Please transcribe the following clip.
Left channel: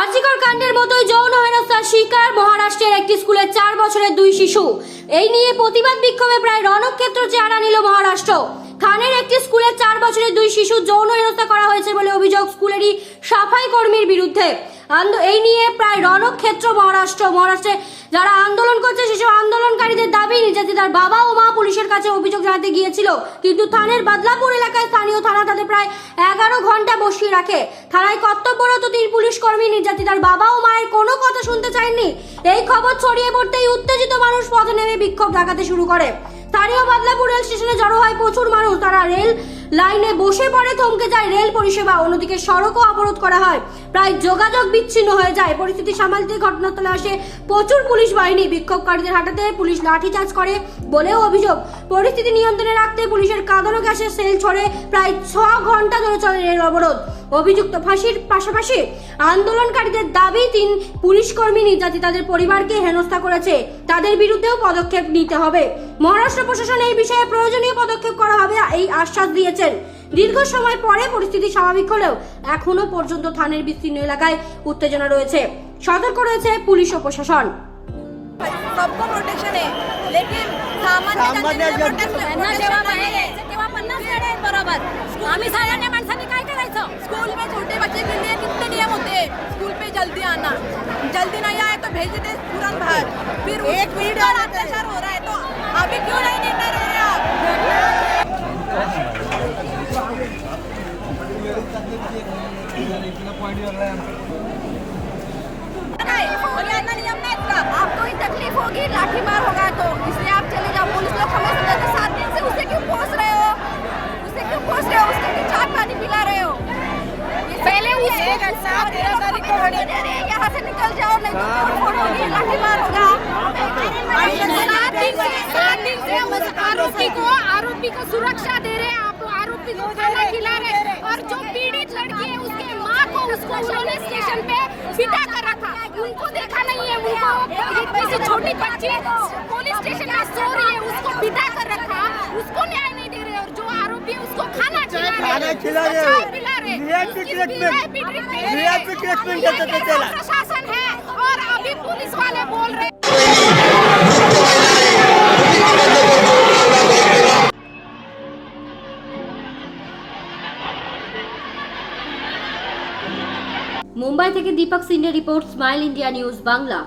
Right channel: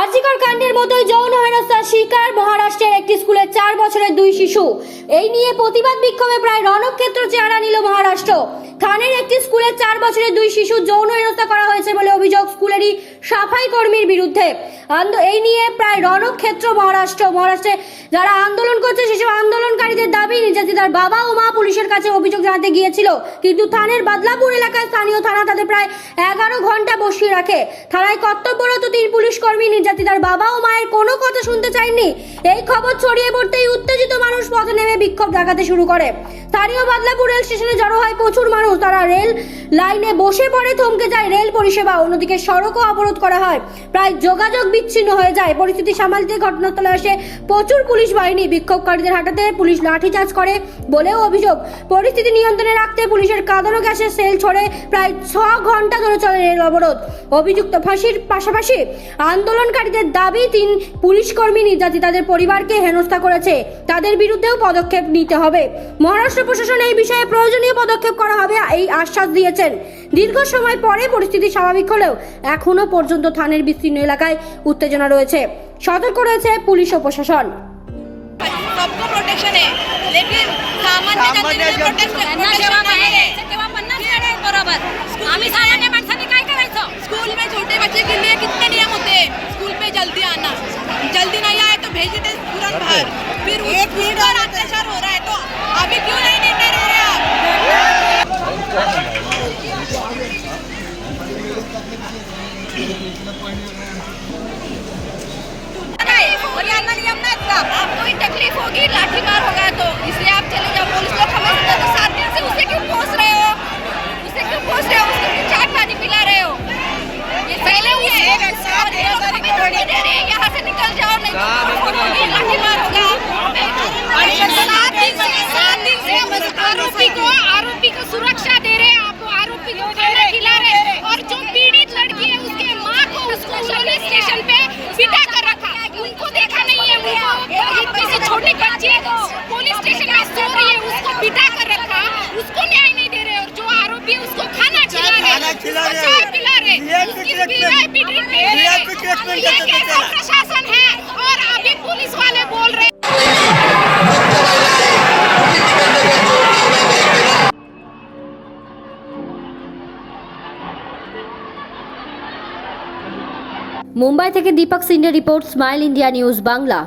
আরজিকর কাণ্ডের মতোই যৌন হেনস্থার শিকার মহারাষ্ট্রের একটি স্কুলের চার বছরের দুই শিশু। এই নিয়ে প্রতিবাদ বিক্ষোভে প্রায় রণক্ষেত্র চেহারা নিল মহারাষ্ট্র। থানের একটি স্কুলের চার বছরের দুই শিশু যৌন হেনস্থা করা হয়েছে বলে অভিযোগ স্কুলেরই সাফাই কর্মীর বিরুদ্ধে। এই নিয়ে প্রায় রণক্ষেত্র মহারাষ্ট্র, মহারাষ্ট্রে যারা আন্দোলন করছে, সেসব আন্দোলনকারীদের দাবি, নির্যাতিতার বাবা ও মা পুলিশের কাছে অভিযোগ জানাতে গিয়েছিল। কিন্তু থানের বাদলাপুর এলাকায় স্থানীয় থানা তাদের প্রায় এগারো ঘণ্টা বসিয়ে রাখে। থানায় কর্তব্যরত তিন পুলিশ কর্মী নির্যাতিতার বাবা ও মায়ের কোনো কথা শুনতে চাননি এই খবর ছড়িয়ে পড়তেই উত্তেজিত মানুষ পথে নেমে বিক্ষোভ ডাকাতে শুরু করে। স্থানীয় বাদলাপুর রেল স্টেশনে জড়ো হয় প্রচুর মানুষ। তারা রেল লাইনে বসে পড়ে, থমকে যায় রেল পরিষেবা। অন্যদিকে সড়কও অবরোধ করা হয়। প্রায় যোগাযোগ বিচ্ছিন্ন হয়ে যায়। পরিস্থিতি সামালতে ঘটনাস্থলে আসে প্রচুর পুলিশ বাহিনী। বিক্ষোভকারীদের হাঁটাতে পুলিশ লাঠিচার্জ করে বলেও অভিযোগ। পরিস্থিতি নিয়ন্ত্রণে রাখতে পুলিশের কাঁদানো গ্যাসের সেল ছড়ে প্রায় ছ ঘণ্টা ধরে চলে রেল অবরোধ। অভিযুক্ত ফাঁসির পাশাপাশি আন্দোলনকারীদের দাবি, তিন পুলিশ কর্মী নির্যাতিতাদের পরিবারকে হেনস্থা করেছে। তাদের বিরুদ্ধেও পদক্ষেপ নিতে হবে। মহারাষ্ট্র প্রশাসন এই বিষয়ে প্রয়োজনীয় পদক্ষেপ করা হবে এই আশ্বাস দিয়েছেন দীর্ঘ সময় পরে পরিস্থিতি স্বাভাবিক হলেও এখনো পর্যন্ত থানের বিস্তীর্ণ এলাকায় উত্তেজনা রয়েছে সতর্ক রয়েছে পুলিশ ও প্রশাসন सबको प्रोटेक्शन है लेकिन सामान्य जनतेने प्रोटेक्शन प्रोटेक्शन नाही आहे तेव्हा पन्नास गाड्या आहेत बरोबर आम्ही सामान्य माणसांनी काय करायचं स्कूल में छोटे बच्चे के लिए कितने नियम होते हैं स्कूल पे जल्दी आना जल्दी नहीं आए तो भेज देते तुरंत बाहर। फिर उस उस पर अत्याचार हो रहा है तो अभी क्यों नहीं निर्णय ले रहे आप? था आपको ही तकलीफ़ होगी लाठी मार होगा तो। इसलिए आप चले जाओ पुलिस लोग हमें तो सात दिन से उसे क्यों पहुँच रहे हो उसे क्यों पहुँच रहे हो उसको क्यों चाट पानी पिला रहे हो ये पहले हुई है और ये लोग हमें धमकी दे हैं निकल जाओ नहीं तो तोड़ फोड़ होगी लाठी मार होगा। आरोपी को आरोपी को सुरक्षा दे रहे हैं आप आरोपी को खाना खिला रहे और जो पीड़ित लड़की है उसके माँ को उसको उन्होंने स्टेशन पे बिठा कर रखा। उनको देखा नहीं है उनको इतनी सी छोटी बच्ची पुलिस स्टेशन में सो रही है उसको बिठा कर रखा। उसको न्याय नहीं दे रहे और जो आरोपी है उसको खाना खिला रहे रहे। चाय पिला रहे VIP उसकी ट्रीटमेंट। VIP ट्रीटमेंट दे रहे VIP ट्रीटमेंट ये देते थे कैसा तेरा। प्रशासन है और अभी पुलिस वाले बोल रहे हैं মুম্বাই থেকে Deepak Shinde report Smile India News Bangla